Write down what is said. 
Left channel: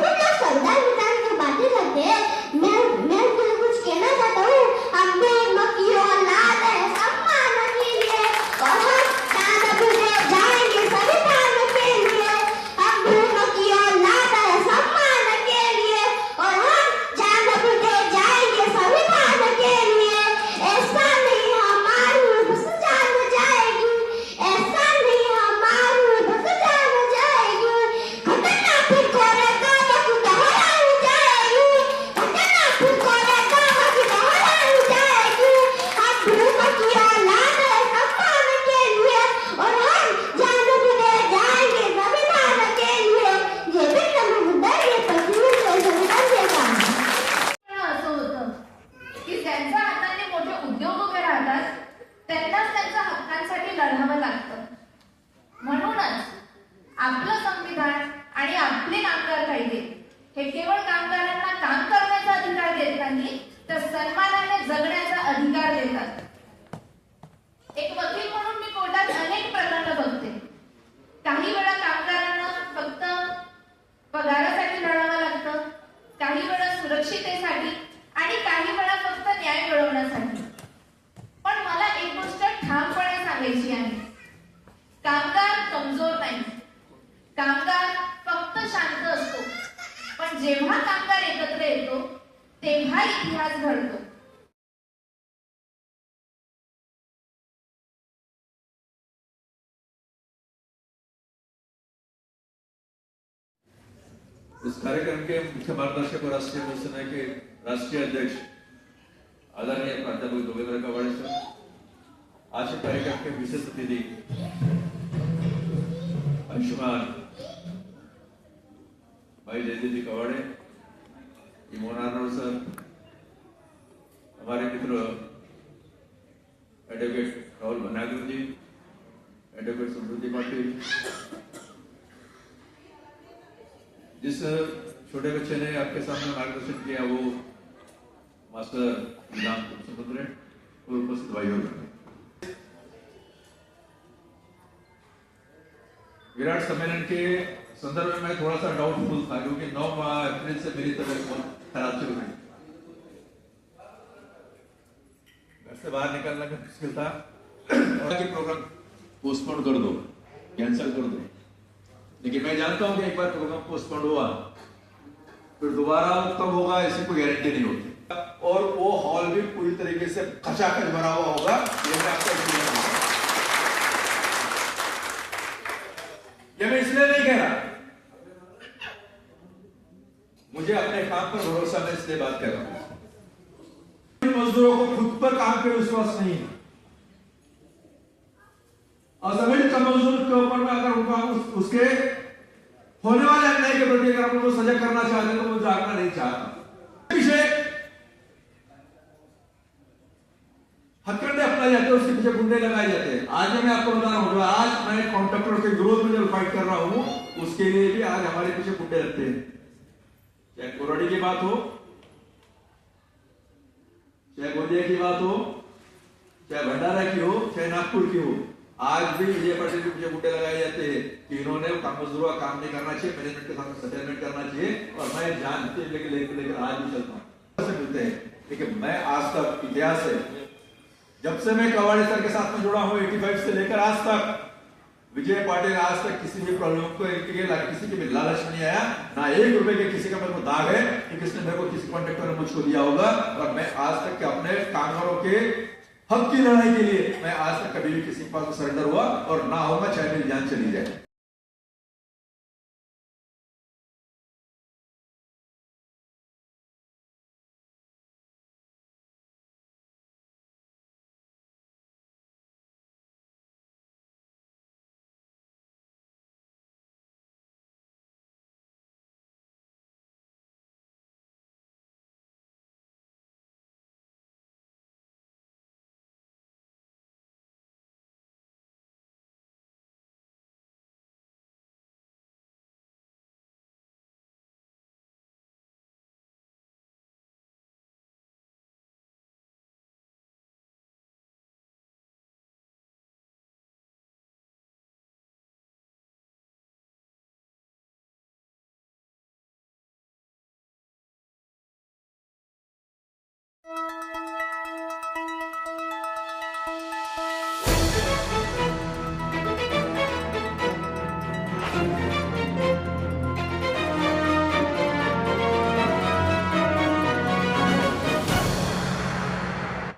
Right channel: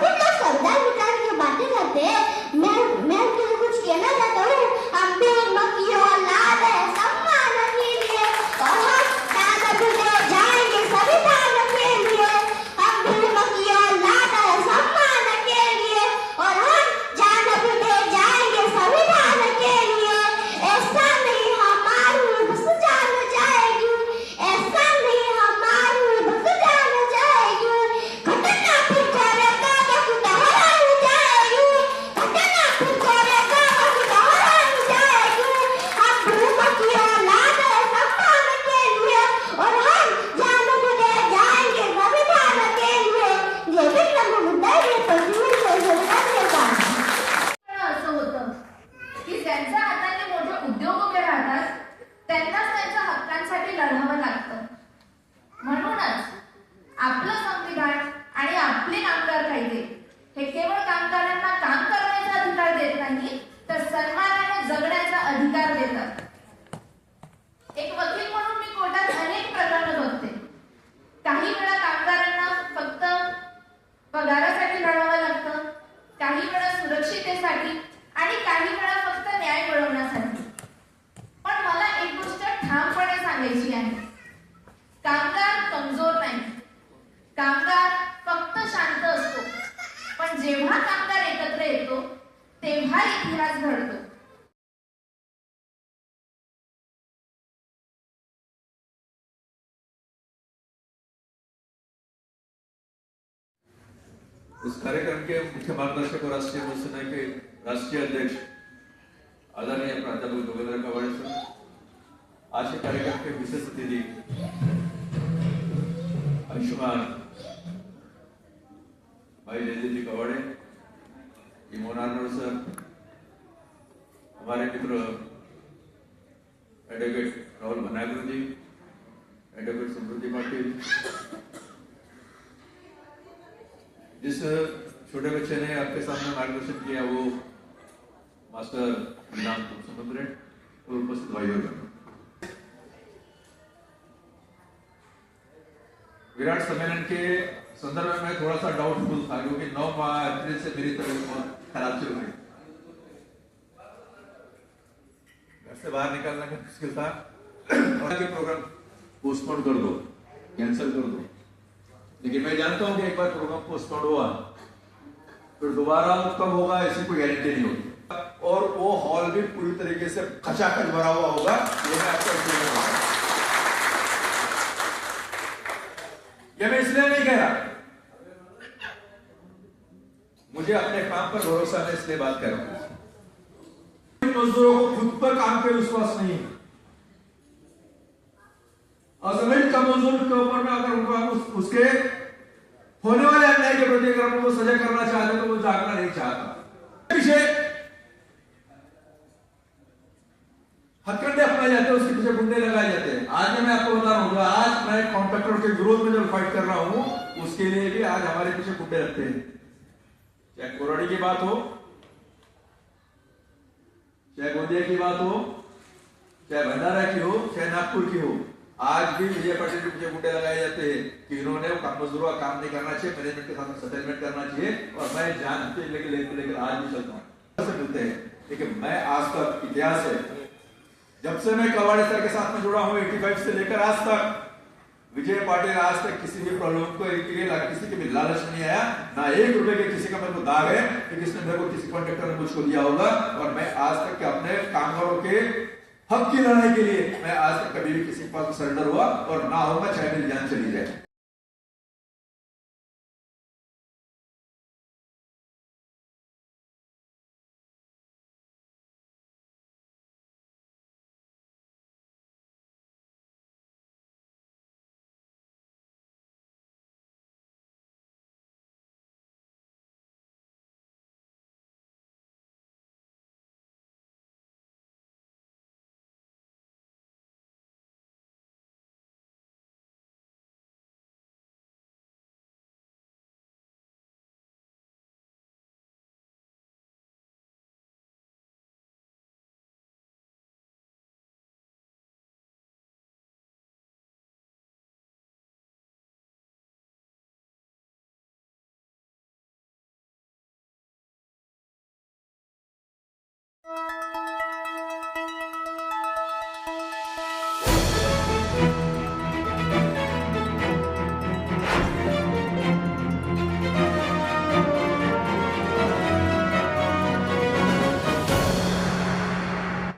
कुछ लोग संविधान विधान की बातें करते हैं। मैं कुछ कहना चाहता हूँ, हम भी मक्खियों लाल है सम्मान के लिए और हम दान भी दे जाएंगे संविधान के लिए। हम भी मक्खियों लाल है सम्मान के लिए और हम जान भी दे जाएंगे संविधान के लिए। ऐसा नहीं हमारी बस जान जाएगी, ऐसा नहीं हमारी बस जान जाएगी। घटना फिर करेगा बाकी दोहराई जाएगी, घटना फिर करेगा बाकी दोहराई जाएगी। हम भी मक्खियों लाल है सम्मान के लिए और हम जान भी दे जाएंगे संविधान के लिए। ये भी मुद्दा ये पृथ्वी संविधान के कारण असं होतं की ज्यांच्या हाताने मोठे उद्योग उभे राहतात त्यांनाच त्यांच्या हक्कांसाठी लढावं लागतं. म्हणूनच आपलं संविधान आणि आपले कामगार कायदे हे केवळ कामगारांना काम करण्याचा अधिकार देत नाही, तर सन्मानाने जगण्याचा अधिकार देतात. एक वकील म्हणून मी कोर्टात अनेक प्रकरणं बघते. काही वेळा कामगारांना फक्त पगारासाठी लढावं लागतं, काही वेळा सुरक्षितेसाठी आणि काही वेळा फक्त न्याय मिळवण्यासाठी. पण मला एक गोष्ट ठामपणे सांगायची आहे, कामगार कमजोर नाही, कामगार फक्त शांत असतो. पण जेव्हा कामगार एकत्र येतो तेव्हा इतिहास घडतो. इस कार्यक्रम के मुख्य मार्गदर्शक और राष्ट्रीय मिशन के राष्ट्रीय अध्यक्ष आदरणीय प्राध्यापक जोगेंद्र कवाड़े सर, आज के कार्यक्रम के विशेष अतिथि अंशुमान भाई जयदेव जी कवाड़े, इमोन आर्नोल्ड सर, हमारे मित्र एडवोकेट राहुल भनागर जी, एडवोकेट समृद्धि पाटिल, जिस छोटे बच्चे ने आपके सामने मार्गदर्शन किया वो मास्टर विधान समुद्र और उपस्थित भाइयों का विराट सम्मेलन के संदर्भ में मैं थोड़ा सा डाउटफुल था, क्योंकि 9 अप्रैल से मेरी तबीयत बहुत खराब चल रही, घर से बाहर निकलना का मुश्किल था और प्रोग्राम पोस्टपोन कर दो, कैंसिल कर दो। लेकिन मैं जानता हूं कि एक बार प्रोग्राम पोस्टपोन हुआ फिर दोबारा कब होगा इसकी कोई गारंटी नहीं होती, और वो हॉल भी पूरी तरीके से खचाखच भरा हुआ होगा, ये मैं आपको ये मैं इसलिए नहीं कह रहा, मुझे अपने काम पर भरोसा है इसलिए बात कर रहा हूं। मजदूरों को खुद पर काम पे विश्वास नहीं है, असंगठित मजदूर के ऊपर में अगर उनका उसके होने वाले अन्याय के प्रति अगर उनको सजग करना चाहते तो वो जागना नहीं चाहता। पीछे हथकंडे अपनाए जाते हैं, उसके पीछे गुंडे लगाए जाते हैं। आज मैं आपको बता रहा हूं, आज मैं कॉन्ट्रैक्टर के विरोध में जो फाइट कर रहा हूं उसके लिए भी आज हमारे पीछे गुंडे रखते हैं। चाहे कोराडी की बात हो, चाहे गोंदिया की बात हो, चाहे भंडारा की हो, चाहे नागपुर की हो, आज भी विजय पाटिल के पीछे गुंडे लगाए जाते हैं कि इन्होंने मजदूरों का काम नहीं करना चाहिए, मैनेजमेंट के साथ सेटलमेंट करना चाहिए, और मैं जानते लेकर आज भी चलता हूँ मिलते हैं। लेकिन मैं आज तक इतिहास है, जब से मैं कवाड़े सर के साथ में जुड़ा हूं 85 से लेकर आज तक, विजय पाटिल आज तक किसी भी प्रॉब्लम को किसी के भी लालच में नहीं आया, ना 1 रुपए के किसी का मेरे को दाग है कि किसने मेरे को किसी कॉन्ट्रैक्टर ने मुझको दिया होगा। और मैं आज तक के अपने कामगारों के हक की लड़ाई के लिए मैं आज तक कभी भी किसी के पास सरेंडर हुआ और ना होगा, चाहे मेरी जान चली जाए।